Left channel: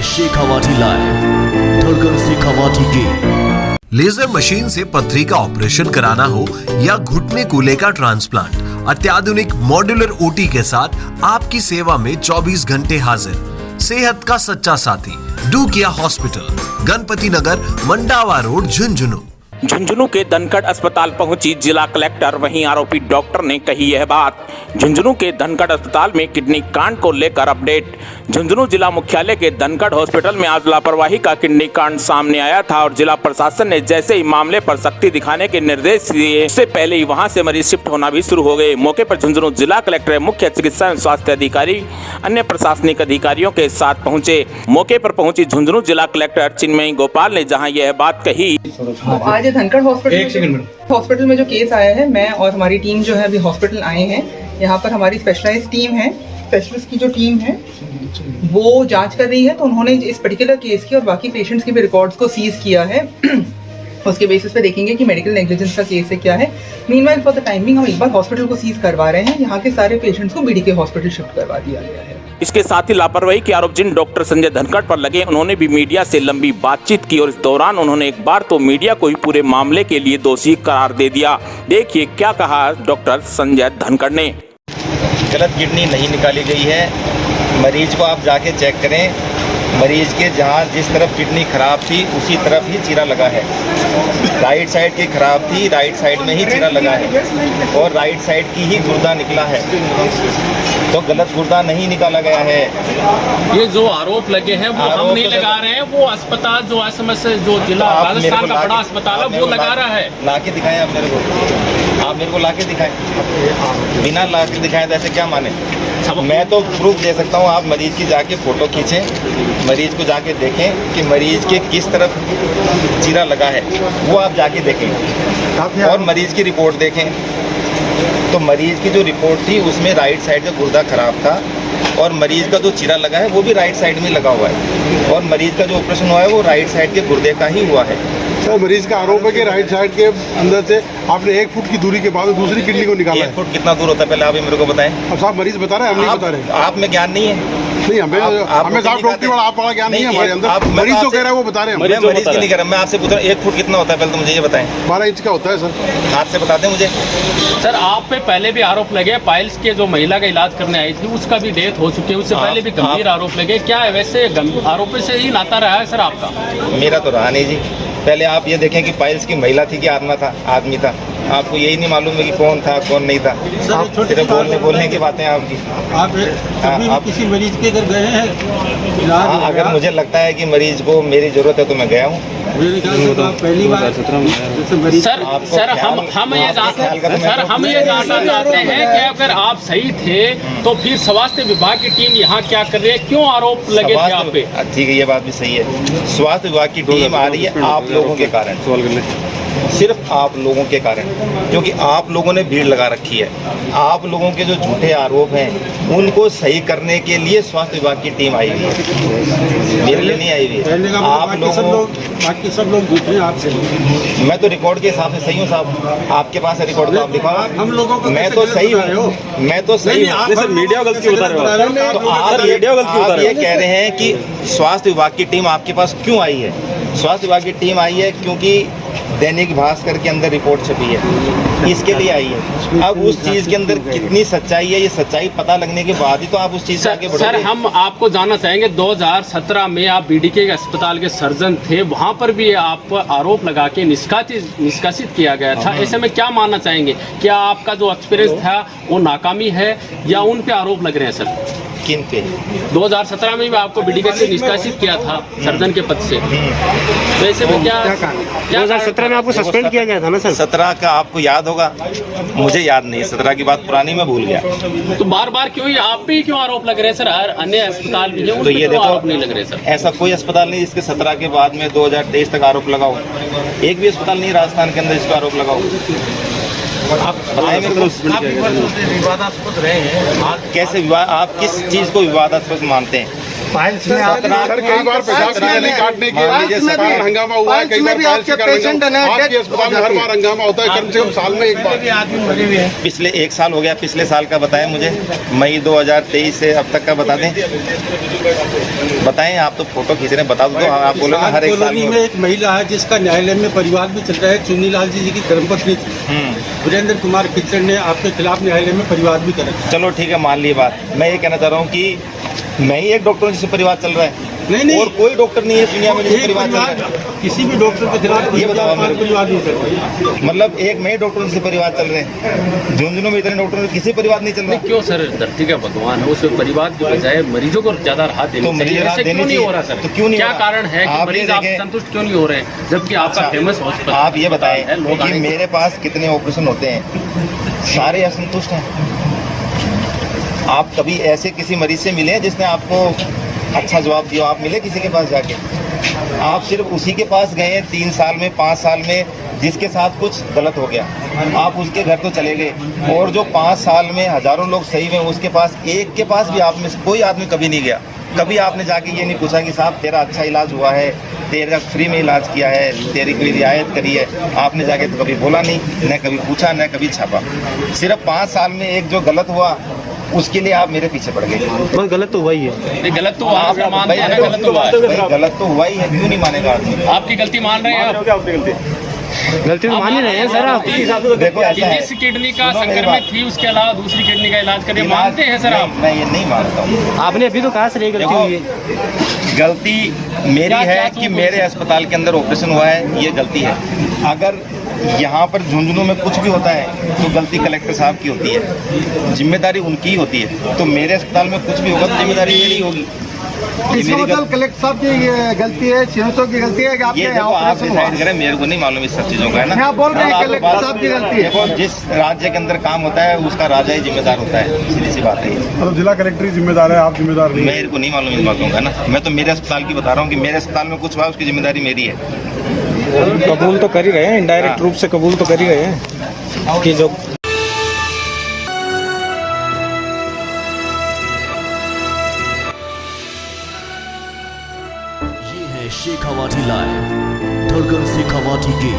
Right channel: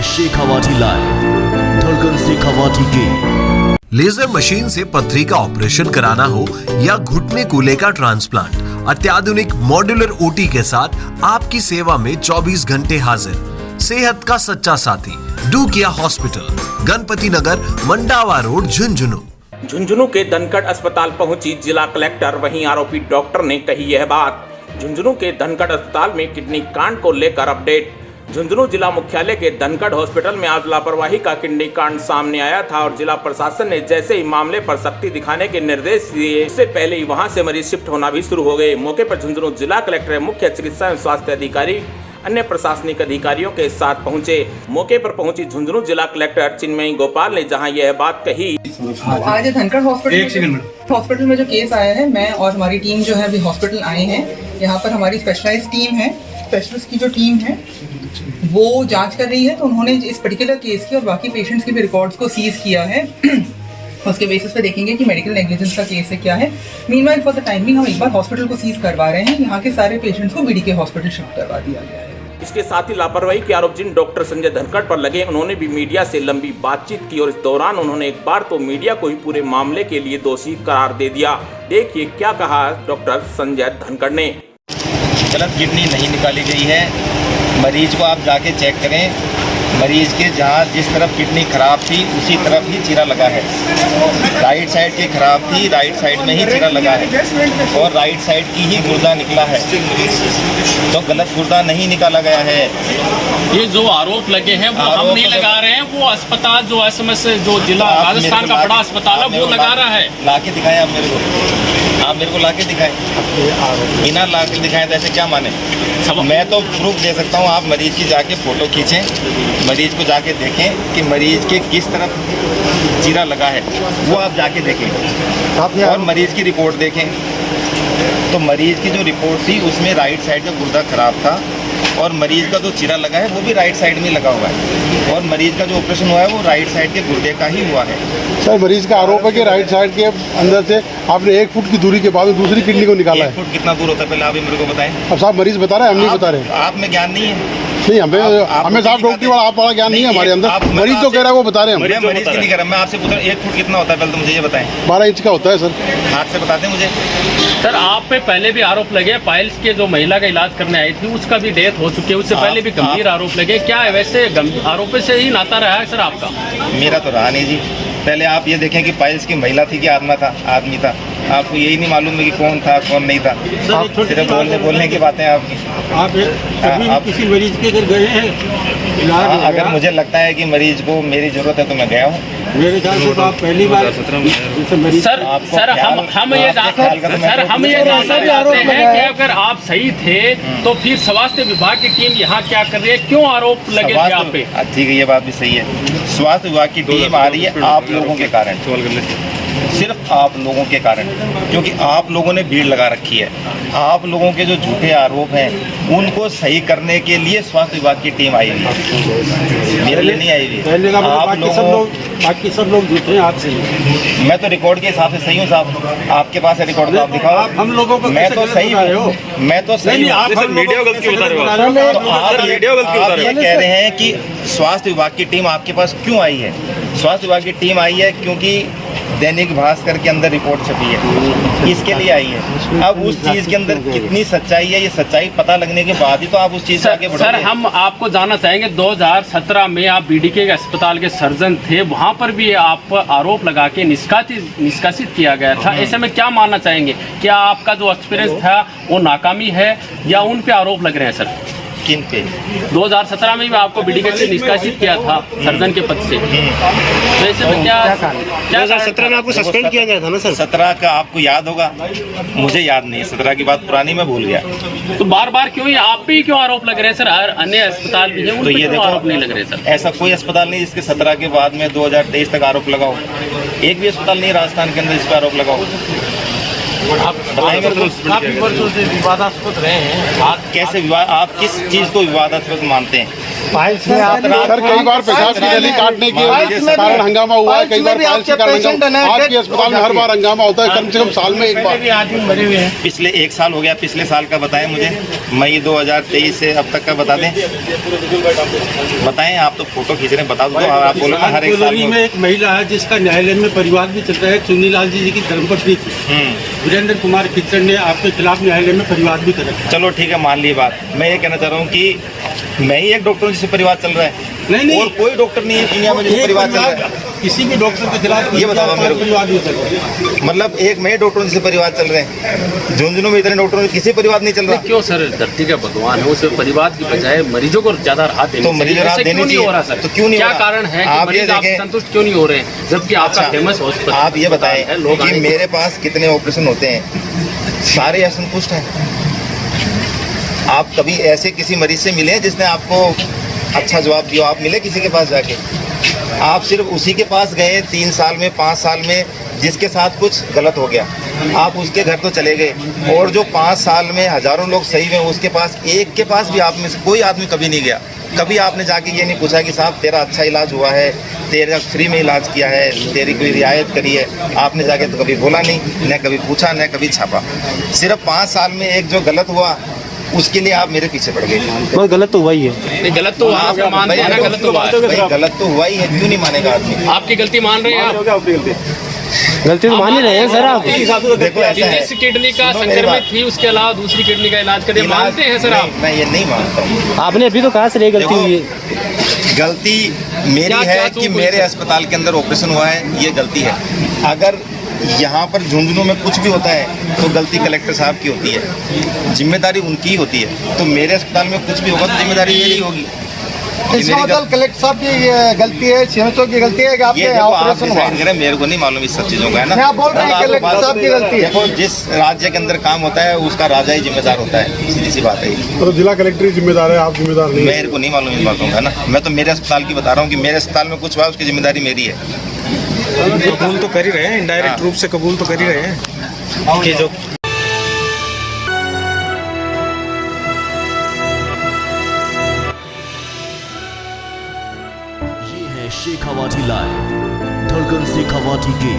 है शेखावाटी लाइव, धड़कन शेखावाटी की। लेजर मशीन से पथरी का ऑपरेशन कराना हो या घुटने कूल्हे का ट्रांसप्लांट, अत्याधुनिक मॉड्यूलर ओटी के साथ आपकी सेवा में 24 घंटे हाजिर। सेहत का सच्चा साथी डूकिया हॉस्पिटल, गणपति नगर, मंडावा रोड, झुंझुनू। झुंझुनू के धनखड़ अस्पताल पहुंची जिला कलेक्टर, वहीं आरोपी डॉक्टर ने कही यह बात। झुंझुनू के धनखड़ अस्पताल में किडनी कांड को लेकर अपडेट। झुंझुनू जिला मुख्यालय के धनखड़ हॉस्पिटल में आज लापरवाही का किडनी कांड सामने आया था और जिला प्रशासन ने जैसे ही मामले पर सख्ती दिखाने के निर्देश दिए, उससे पहले ही वहां से मरीज शिफ्ट होना भी शुरू हो गए। मौके पर झुंझुनू जिला कलेक्टर, मुख्य चिकित्सा एवं स्वास्थ्य अधिकारी, अन्य प्रशासनिक अधिकारियों के साथ पहुंचे। मौके पर पहुंची झुंझुनू जिला कलेक्टर चिन्मयी गोपाल ने जहाँ यह बात कही। आज धनखड़ हॉस्पिटल में जो केस आया है, मैं और हमारी टीम जो है अभी हॉस्पिटल आए हैं। यहाँ पर हमारी स्पेशलाइज्ड टीम है, स्पेशलिस्ट की जो टीम है वो जांच कर रही है। तो उन्होंने इस पर्टिकुलर केस की और बाकी पेशेंट्स के भी रिकॉर्ड्स को सीज किया है। उसके बेसिस पे देखेंगे कि मेडिकल नेग्लिजेंस का केस है क्या है। मीनवाइल फॉर द टाइमिंग हम एक बार हॉस्पिटल को सीज करवा रहे हैं। यहाँ के सारे पेशेंट्स को बीडीके हॉस्पिटल शिफ्ट करवा दिया गया है। इसके साथ ही लापरवाही के आरोप जिन डॉक्टर संजय धनखड़ पर लगे, उन्होंने भी मीडिया से लंबी बातचीत की और इस दौरान उन्होंने एक बार तो मीडिया को ही पूरे मामले के लिए दोषी करार दे दिया। देखिए क्या कहा डॉक्टर संजय धनखड़ ने। गलत किडनी नहीं निकाली गई है। मरीज को आप जाके चेक करें, मरीज के जहाँ जिस तरफ किडनी खराब थी उसी तरफ ही चीरा लगा है। राइट साइड की खराब थी, राइट साइड में ही चीरा लगा है और राइट साइड की ही गुर्दा निकला है, तो गलत गुर्दा नहीं निकाला गया है। ये जो आरोप लगे हैं वो हम नहीं लगा रहे हैं, वो अस्पताल जो एसएमएस जो जिला राजस्थान का बड़ा अस्पताल है वो लगा रहा है। लाके दिखाएं आप मेरे को लाके दिखाएं। बिना लाके दिखाएं तो ऐसे क्या माने? मैं तो प्रूफ दे सकता हूँ। आप मरीज की जाके फ़ोटो खींचें, मरीज को जाके देखें कि मरीज के किस तरफ चीरा लगा है, वो आप जाके देखें और मरीज की रिपोर्ट देखें। तो मरीज की जो रिपोर्ट थी उसमें राइट साइड का गुर्दा खराब था और मरीज का जो चीरा लगा है वो भी राइट साइड में लगा हुआ है और मरीज का जो ऑपरेशन हुआ है वो राइट साइड के गुर्दे का ही हुआ है। सर, मरीज का आरोप है कि राइट साइड के अंदर से आपने 1 फुट की दूरी के बाद दूसरी किडनी को निकाला। 1 फुट कितना दूर होता है पहले आप ही मेरे को बताएं। अब साहब मरीज बता रहे हैं, हम नहीं बता रहे। आप में ज्ञान नहीं है। नहीं, हमें साहब डॉक्टर वाला आप वाला ज्ञान नहीं है हमारे अंदर। मरीज तो कह रहा है वो बता रहे हैं। मैं मरीज की नहीं कह रहा, मैं आपसे पूछ रहा हूँ 1 फुट कितना होता है पहले तो मुझे ये बताएं। 12 इंच का होता है सर। हाथ से बताते मुझे। सर आप पे पहले भी आरोप लगे, पाइल्स के जो महिला का इलाज करने आई थी उसका भी डेथ हो चुकी है, उससे पहले भी गंभीर आरोप लगे। क्या है वैसे आरोप से ही नाता रहा है सर आपका? मेरा तो रहा नहीं जी। पहले आप ये देखें कि पाइल्स की महिला थी कि आदमी था। आपको यही नहीं मालूम है कि कौन था कौन नहीं था। सिर्फ बोलने की बातें आपकी। आप किसी मरीज के घर गए हैं? अगर मुझे लगता है कि मरीज को मेरी जरूरत है तो मैं गया हूँ। मेरे ख्याल से तो आप पहली बार सर हम ये जानना चाहते हैं कि अगर आप सही थे तो फिर स्वास्थ्य विभाग की टीम यहाँ क्या कर रही है, क्यों आरोप लगे थे आप पे? ठीक है, ये बात भी सही है। स्वास्थ्य विभाग की टीम आ रही है आप लोगों के कारण, सिर्फ आप लोगों के कारण, क्योंकि आप लोगों ने भीड़ लगा रखी है। आप लोगों के जो झूठे आरोप हैं उनको सही करने के लिए स्वास्थ्य विभाग की टीम आई हुई है, मेरे लिए नहीं आई हुई है। आप लोगों बाकी सब लोग झूठे हैं आपसे। मैं तो रिकॉर्ड के हिसाब से सही हूँ साहब। आपके पास है रिकॉर्ड तो आप दिखाओ। हम लोगों को मैं तो सही हूँ, मैं तो सही हूँ। मीडिया गलती बता रहे हो। तो आप ये कह रहे हैं कि स्वास्थ्य विभाग की टीम आपके पास क्यों आई है? स्वास्थ्य विभाग की टीम आई है क्योंकि दैनिक भास्कर के अंदर रिपोर्ट छपी है, इसके लिए आई है। अब उस चीज़ के अंदर कितनी सच्चाई है, ये सच्चाई पता लगने के बाद ही तो आप उस चीज़ से आगे बढ़ोगे। सर हम आपको जानना चाहेंगे, 2017 में आप बीडीके के अस्पताल के सर्जन थे, वहाँ पर भी आप आरोप लगा के निष्कासित किया गया था। ऐसे में क्या मानना चाहेंगे, क्या आपका जो एक्सपीरियंस था वो नाकामी है या उन पे आरोप लग रहे हैं सर? किन पे? 2017 में भी आपको बीडीके से निष्कासित किया था सर्जन के पद से। तो ऐसे में क्या 2017 में आपको सस्पेंड किया गया था ना सर? 17 का आपको याद होगा, मुझे याद नहीं। 17 की बात पुरानी मैं भूल गया। तो बार बार क्यों आप पे क्यों आरोप लग रहे हैं सर? हर अन्य अस्पताल भी है, उन तो पे ये देखो आरोप नहीं लग रहे सर? ऐसा कोई अस्पताल नहीं जिसके 17 के बाद में 2023 तक आरोप लगाओ। एक भी अस्पताल नहीं राजस्थान के अंदर जिस पर आरोप लगाओ। बताएं मेरे को विवादास्पद रहे हैं कैसे? आप किस चीज़ को विवादास्पद मानते हैं? फाइल्स में सर कई बार पेशाब की काटने के लिए हंगामा हुआ है, कई बार फाइल्स का हंगामा। आपके अस्पताल में हर बार हंगामा होता है, कम से कम साल में एक बार। आदमी मरे हुए हैं। पिछले 1 साल हो गया, पिछले साल का बताएं मुझे, मई 2023 से अब तक का बता दें, बताएं। आप तो फोटो खींच रहे हैं, बता दो। आप बोलो ना हर एक साल कॉलोनी में एक महिला है जिसका न्यायालय में परिवार भी चल रहा है, चुन्नीलाल जी की धर्मपत्नी थी। वीरेंद्र कुमार खिचड़ ने आपके खिलाफ न्यायालय में परिवार भी कर रखा है। चलो ठीक है, मान ली बात। मैं ये कहना चाह रहा हूँ कि मैं ही एक डॉक्टर हूँ जिससे परिवार चल रहा है, नहीं और कोई डॉक्टर नहीं है दुनिया में जिससे परिवार चल रहा है। किसी भी डॉक्टर के खिलाफ ये बताओ मेरे को। परिवार नहीं चल रहा है। मतलब एक मैं ही डॉक्टर हूँ जिससे परिवार चल रहे हैं। झुंझुनू में इतने डॉक्टर हैं, किसी परिवार नहीं चल रहा। क्यों सर, धरती का भगवान है, उसे परिवार की बजाय मरीजों को ज्यादा राहत देनी तो मरीजों को राहत देनी चाहिए। हो रहा सर, तो क्यों नहीं हो क्या रहा? कारण है? आप ये देखें, संतुष्ट क्यों नहीं हो रहे, जबकि आपका फेमस हॉस्पिटल। आप ये बताएं कि मेरे पास कितने ऑपरेशन होते हैं, सारे असंतुष्ट हैं। आप कभी ऐसे किसी मरीज से मिले जिसने आपको अच्छा जवाब दिया? आप मिले किसी के पास जाके? आप सिर्फ उसी के पास गए 3 साल में, 5 साल में, जिसके साथ कुछ गलत हो गया। आप उसके घर तो चले गए, और जो 5 साल में हजारों लोग सही में, उसके पास एक के पास भी आप में से कोई आदमी कभी नहीं गया। कभी आपने जाके ये नहीं पूछा कि साहब तेरा अच्छा इलाज हुआ है, तेरा फ्री में इलाज किया है, तेरी कोई रियायत करी है? आपने जाके तो कभी बोला नहीं, न कभी पूछा, न कभी छापा। सिर्फ 5 साल में एक जो गलत हुआ उसके लिए आप मेरे पीछे पड़ गए। वो गलत तो हुआ ही है। गलत तो आप आप मानते भाई हैं ना, गलत तो हुआ है। भाई गलत तो हुआ ही है, क्यों नहीं मानेगा आदमी? आपकी गलती मान रहे हैं आप? गलती तो मान ही रहे हैं सर आप। देखो ऐसा है, जिस किडनी का सुनो मेरी बात। संक्रमित थी, उसके अलावा दूसरी किडनी का इलाज करें, मानते हैं सर आप? नहीं, मैं ये नहीं मानता हूँ। आपने अभी तो कहा सर ये गलती देखो, हुई है। गलती मेरी है कि मेरे अस्पताल के अंदर ऑपरेशन हुआ है, ये गलती है। अगर यहाँ पर झुंझुनू में कुछ भी होता है तो गलती कलेक्टर साहब की होती है, जिम्मेदारी उनकी ही होती है। तो मेरे अस्पताल में कुछ भी होगा तो जिम्मेदारी मेरी होगी। इसका मतलब कलेक्टर साहब की ये गलती है, सीएमओ की गलती है कि आपके ये देखो आप ऑपरेशन डिसाइड करें, मेरे को नहीं मालूम इस सब चीज़ों का, है ना। यहाँ बोल रहे हैं आपको कलेक्टर बात- साहब की गलती है। देखो, जिस राज्य के अंदर काम होता है उसका राजा ही जिम्मेदार होता है, सीधी सी बात है ये। तो जिला कलेक्टर ही जिम्मेदार है, आप जिम्मेदार नहीं। मेरे को नहीं मालूम इन बातों का, है ना। मैं तो मेरे अस्पताल की बता रहा हूँ कि मेरे अस्पताल में कुछ हुआ उसकी जिम्मेदारी मेरी है। कबूल तो कर ही रहे हैं, इनडायरेक्ट रूप से कबूल तो कर ही रहे हैं कि जो ये है शेखावाटी लाइव, धड़कन शेखावाटी की